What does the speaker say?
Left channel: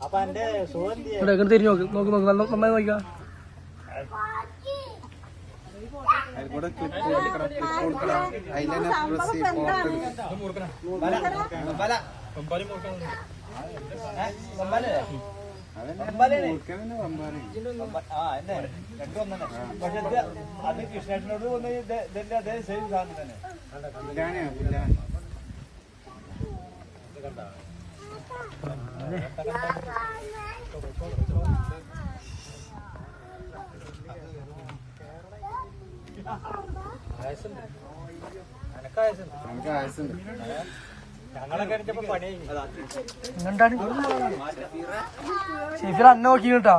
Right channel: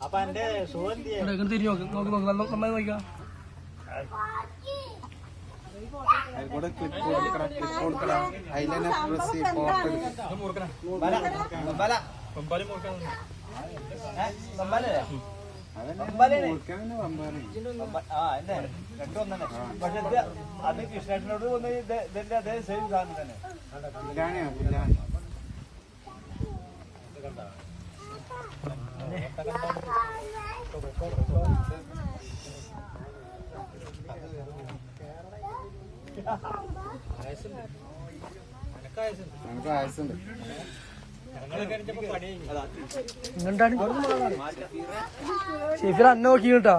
അപ്പൊ എന്റെ തിരിഞ്ഞു നോക്ക് നോക്കി നോക്ക് നന്നായി നോക്കാം പക്ഷെ അത് കൃഷ്ണേട്ടനോട് വന്ന് ഇതിന്റെ അതേ സെയിം സാധനം തന്നെ ഞങ്ങളൊക്കെ പണി അന്നെ നോക്കി കേട്ടോ.